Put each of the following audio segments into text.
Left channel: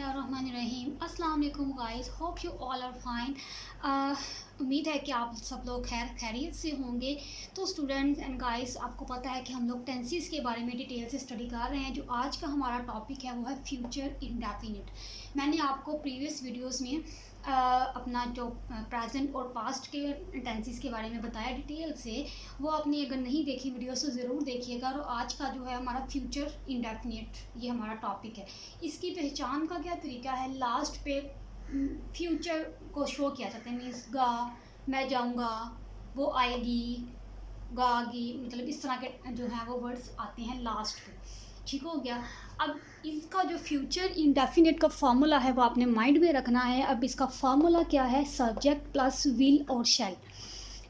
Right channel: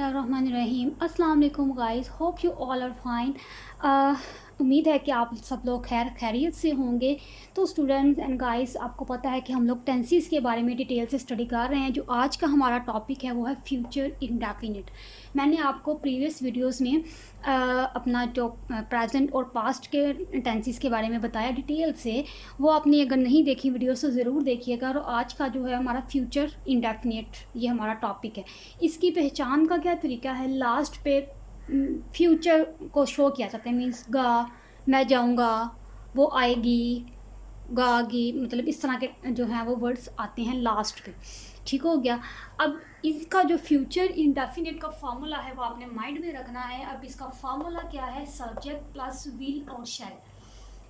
बिस्मिल्लाहिर्रहमानिर्रहीम। अस्सलाम वालेकुम guys, hope you all are fine. उम्मीद है कि आप सब लोग खैरियत से होंगे। तो स्टूडेंट्स एंड गाइस, आपको पता है कि हम लोग टेंसेस के बारे में डिटेल से स्टडी कर रहे हैं। जो आज का हमारा टॉपिक है वो है फ्यूचर इंडेफिनिट। मैंने आपको प्रीवियस वीडियोस में अपना जो प्रेजेंट और पास्ट के टेंसेस के बारे में बताया डिटेल से। वो आपने अगर नहीं देखी वीडियो तो ज़रूर देखिएगा। और आज का जो है हमारा फ्यूचर इंडेफिनिट, ये हमारा टॉपिक है। इसकी पहचान का क्या तरीका है, लास्ट पे फ्यूचर को शो किया जाता है। मीन्स गा, मैं जाऊँगा, वो आएगी, गागी, मतलब इस तरह के जो हैं वो वर्ड्स आते हैं लास्ट पे। ठीक हो गया। अब इसका जो फ्यूचर इंडेफिनिट का फार्मूला है वो आपने माइंड में रखना है। अब इसका फार्मूला क्या है, सब्जेक्ट प्लस विल और शैल।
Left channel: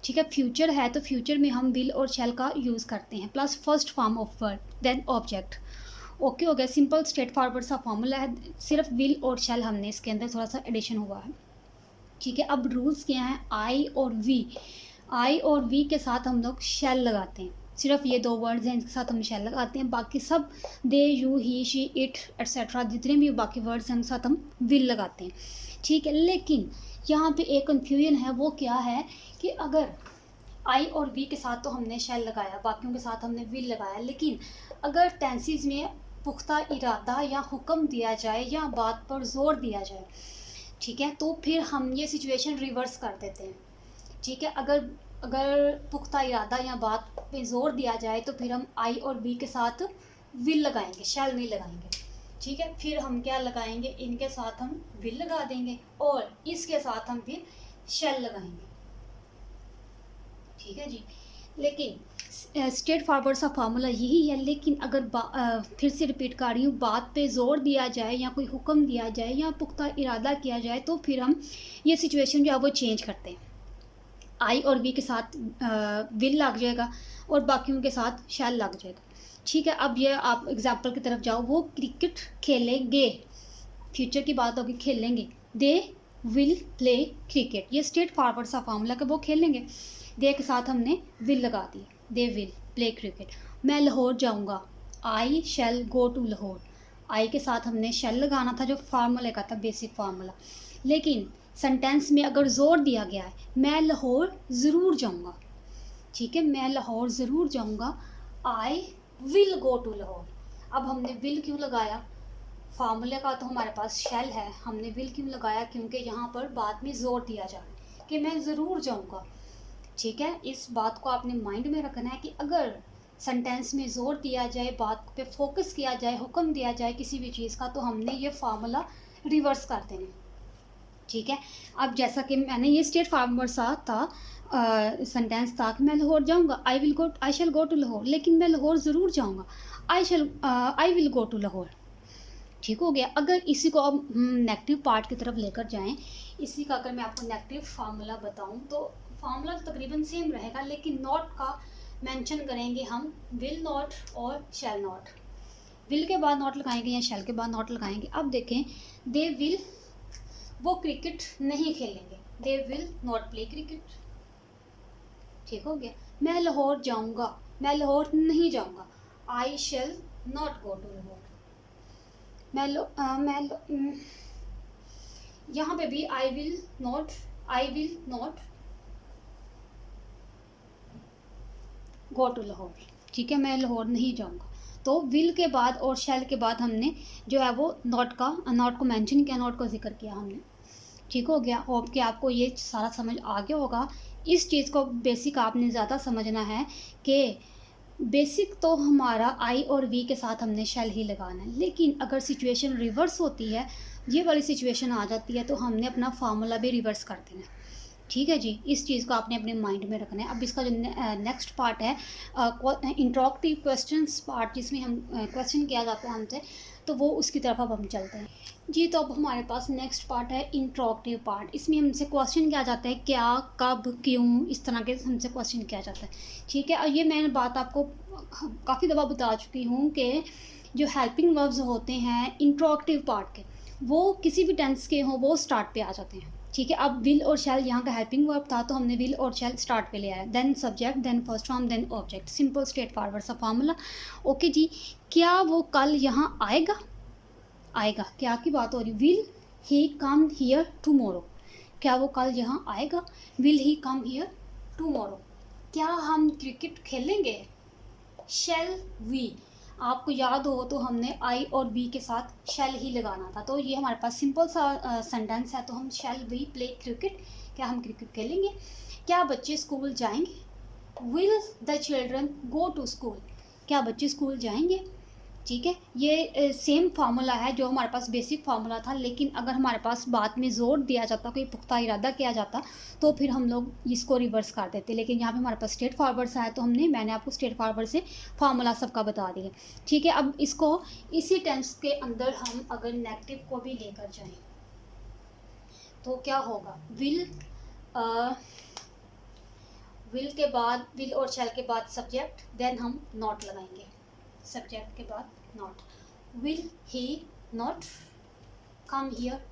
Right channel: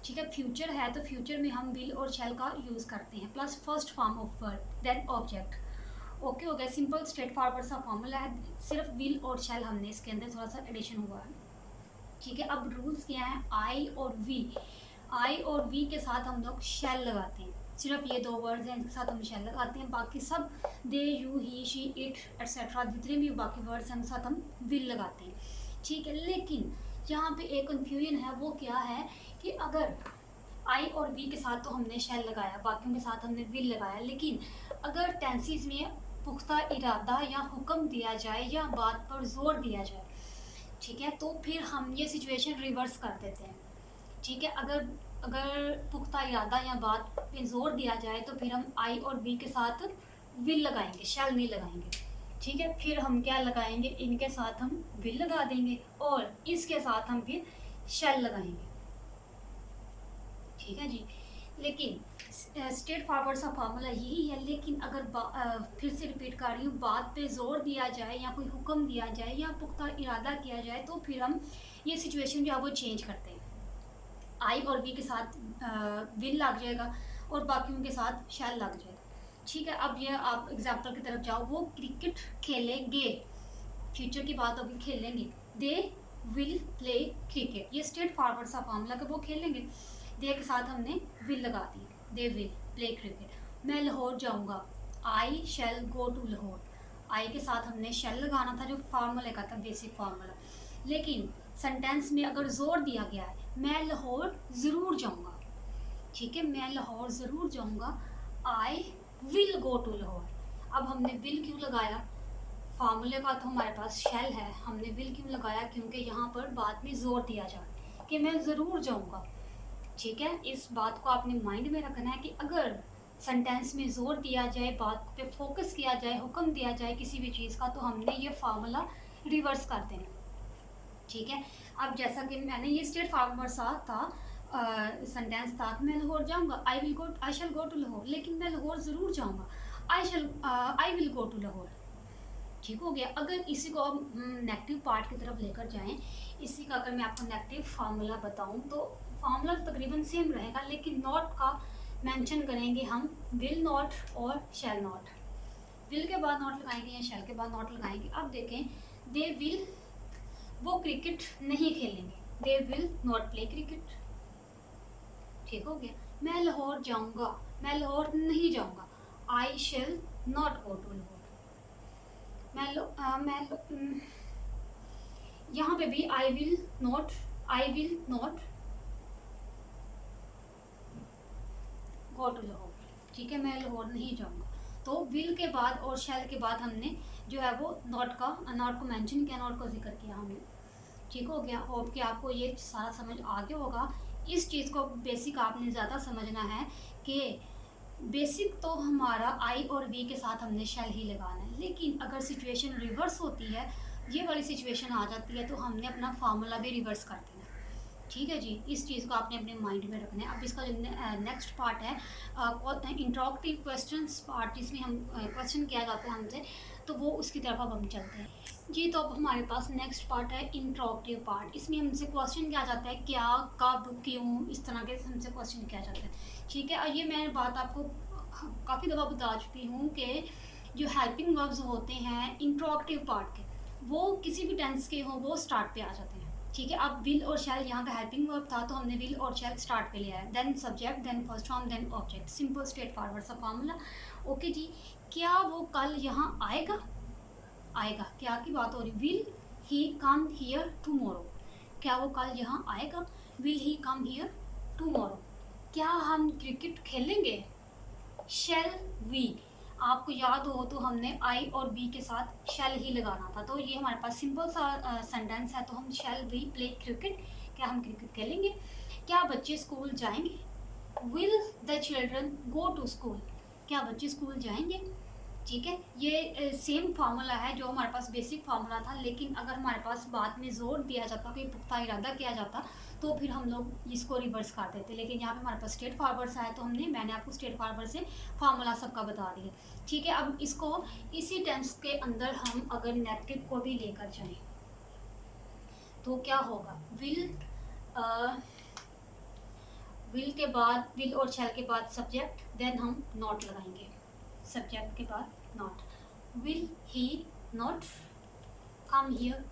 ठीक है, फ्यूचर है तो फ्यूचर में हम विल और शैल का यूज़ करते हैं, plus first form of word then object. Okay हो गया, सिंपल स्ट्रेट फॉरवर्ड सा फॉर्मूला है। सिर्फ विल और शैल हमने इसके अंदर थोड़ा सा एडिशन हुआ है। ठीक है, अब रूल्स क्या हैं, आई और वी। आई और वी के साथ हम लोग शैल लगाते हैं। सिर्फ ये दो वर्ड्स हैं, इनके साथ हम शैल लगाते हैं। बाकी सब they, you, he, she, it etcetera जितने भी बाकी वर्ड्स हैं उनके साथ हम विल लगाते हैं। ठीक है, लेकिन यहाँ पे एक कन्फ्यूजन है। वो क्या है कि अगर आई और वी के साथ तो हमने शैल लगाया, बाकियों के साथ हमने विल लगाया, लेकिन अगर टेंसेस में पुख्ता इरादा या हुक्म दिया जाए या बात पर जोर दिया जाए, ठीक है, तो फिर हम ये सिचुएशन रिवर्स कर देते हैं। ठीक है, अगर अगर पुख्ता इरादा या बात पे जोर दिया जाए तो फिर हम आई और बी के साथ विल लगाएंगे, शैल नहीं लगाएंगे। ठीक है, फिर हम क्या लगाएंगे, इनके साथ हम विल लगा देंगे और इसके साथ हम फिर शैल लगाएंगे। ठीक है जी, लेकिन स्ट्रेट फॉरवर्ड सा फार्मूला यही है। लेकिन अगर फिर से रिपीट कर रही हूँ, बात पे जोर दिया जाए या कोई हुक्म दिया जाए या पुख्ता इरादा किया जाए तो फिर हम ये सिचुएशन जो है वो चेंज करते हैं। आई और वी के साथ विल लग जाएगा और बाकियों के साथ शैल लग जाएगा। ठीक है, अब ये आप एग्जाम्पल की तरफ जाओ। वो क्रिकेट खेलेंगे, फ्यूचर की बात होगी, खेलेंगे। दे विल प्ले क्रिकेट, ये स्ट्रेट फॉरवर्ड सा फार्मूला कि वो खेलेंगे। दे के साथ हमने विल लगा दी, दे विल प्ले क्रिकेट। मैं लाहौर जाऊंगा, I shell go to Lahore. आई के साथ हमने शैल लगाना था जो फार्मूले का था, बेसिक फार्मूला। लेकिन सेंटेंस में अगर जोर दिया गया है, मैं लाहौर ज़रूर जाऊंगा। ठीक है, मैं लाहौर ज़रूर जाऊंगा, I will go to Lahore. अब हमने विल क्यों लगाया, फार्मूले का तो हमारे पास शैल है, हमने विल क्यों लगाया, क्योंकि यहाँ पर बात में जोर दिया जाए कि मैं ज़रूर जाऊँगा। ठीक है, इस बात को आपने माइंड में रखना है कि अगर सेंटेंस में ज़ोर दिया जाए, बात पे फोकस किया जाए, हुक्म दिया जाए किसी भी चीज़ का, तो हमने ये फार्मूला रिवर्स कर देना। ठीक है, अब जैसा कि मैंने ये स्ट्रेट फॉरवर्ड सा था सेंटेंस था कि मैं लाहौर जाऊंगा, I shell go to Lahore, लेकिन मैं लाहौर ज़रूर जाऊंगा, I will go to Lahore. ठीक हो गया। अगर इसी को अब नेगेटिव पार्ट की तरफ लेकर जाएं, इसी का अगर मैं आपको नेगेटिव फार्मूला बताऊं तो फार्मूला तकरीबन सेम रहेगा, लेकिन नॉट का मेंशन करेंगे हम, विल नॉट और शैल नॉट। विल के बाद नॉट लगाएंगे या शैल के बाद नॉट लगाएंगे। अब देखें, दे विल, वो क्रिकेट नहीं खेलेंगे, they will not play cricket. ठीक हो गया। मैं लाहौर जाऊंगा, मैं लाहौर नहीं जाऊंगा, I shall not go to Lahore. यहाँ पे भी I will not go to Lahore. ठीक है, मैं लाहौर नहीं जाऊंगा। तो विल के बाद और शैल के बाद हमने जो है वो नॉट को मेंशन किया, नॉट को जिक्र किया हमने। ठीक हो गया। होप कि आपको ये सारा समझ आ गया होगा। इस चीज़ को बेसिक आपने ज़्यादा समझना है कि बेसिक तो हमारा आई और वी के साथ हमने शैल ही लगाना है, लेकिन अगर सिचुएशन रिवर्स होती है, ये वाली सिचुएशन आ जाती है, तो हमने अपना फार्मूला भी रिवर्स कर देना है। ठीक है जी, इस चीज़ को आपने अपने माइंड में रखना है। अब इसका जो नेक्स्ट पार्ट है, इंट्रोगेटिव क्वेश्चंस पार्ट, जिसमें हम क्वेश्चन किया जाता है हमसे, तो वो उसकी तरफ अब हम चलते हैं जी। तो अब हमारे पास नेक्स्ट पार्ट है इंट्रोगेटिव पार्ट। इसमें हमसे क्वेश्चन किया जाता है, क्या, कब, क्यों, इस तरह के हमसे क्वेश्चन किया जाता है। ठीक है, और ये मैं बात आपको काफ़ी दफ़ा बता चुकी हूँ कि जो हेल्पिंग वर्ब्स होते हैं इंट्रोगेटिव पार्ट के, वो किसी भी टेंस के हों वो स्टार्ट पे आ जाते हैं। ठीक है, अब विल और शैल यहाँ का हेल्पिंग वर्ब था, तो हमने विल और शैल स्टार्ट पे ले आया, then subject, then first form, then object. Simple straightforward सा फार्मूला। ओके जी, क्या वो कल यहाँ आएगा, आएगा, क्या की बात हो रही, will he come here tomorrow, क्या वो कल यहाँ आएगा, will he come here tomorrow, क्या हम क्रिकेट खेलेंगे, शेल वी, आपको याद हो तो हमने आई और बी के साथ शेल ही लगाना था, तो ये हमारे पास सिंपल सा सेंटेंस है, तो हम शेल वी प्ले क्रिकेट, क्या हम क्रिकेट खेलेंगे, क्या बच्चे स्कूल जाएंगे, will the children go to school, क्या बच्चे स्कूल जाएंगे। ठीक है, ये सेम फार्मूला है जो हमारे पास बेसिक फार्मूला था, लेकिन अगर हमारे पास बाद में ज़ोर दिया जाता, कोई पुख्ता इरादा किया जाता, तो फिर हम लोग इसको रिवर्स कर देते, लेकिन यहाँ पे हमारे पास स्ट्रेट फॉरवर्ड सा है, तो मैंने आपको स्ट्रेट फॉरवर्ड से फार्मूला सबका बता दिया। ठीक है, अब इसको इसी टेंस के अंदर हम अगर नेगेटिव को भी लेकर जाएं तो क्या होगा, विल के बाद, विल और शैल के बाद सब्जेक्ट, देन हम नॉट लगाएंगे, सब्जेक्ट के बाद not, will he not come here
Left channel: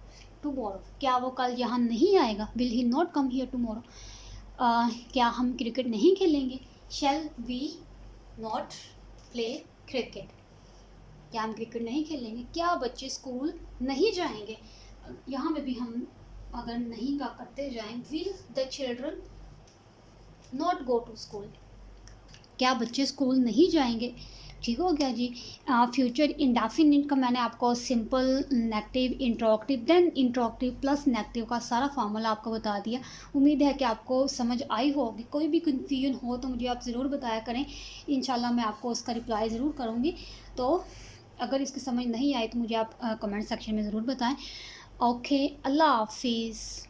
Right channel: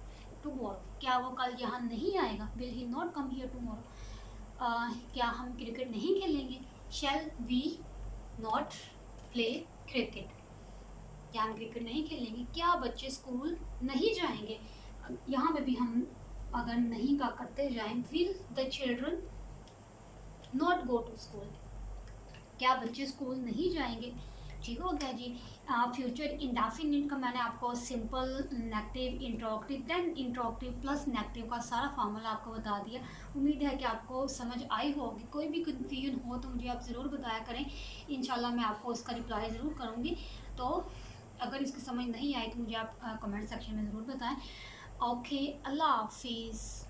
tomorrow, क्या वो कल यहाँ नहीं आएगा, will he not come here tomorrow, क्या हम क्रिकेट नहीं खेलेंगे, shall we not play cricket, क्या हम क्रिकेट नहीं खेलेंगे, क्या बच्चे स्कूल नहीं जाएंगे, यहाँ पे भी हम अगर नहीं का करते जाएं, will the children not go to school, क्या बच्चे स्कूल नहीं जाएंगे। ठीक हो गया जी। फ्यूचर इंडेफिनिट का मैंने आपको simple, negative, interrogative, then interrogative plus negative का सारा फार्मूला आपको बता दिया। उम्मीद है कि आपको समझ आई होगी, कोई भी कन्फ्यूजन हो तो मुझे आप ज़रूर बताया करें, इंशाल्लाह मैं आपको उसका रिप्लाई ज़रूर करूँगी। तो अगर इसकी समझ नहीं आई तो मुझे आप कमेंट सेक्शन में ज़रूर बताएं। ओके, अल्लाह हाफिज़।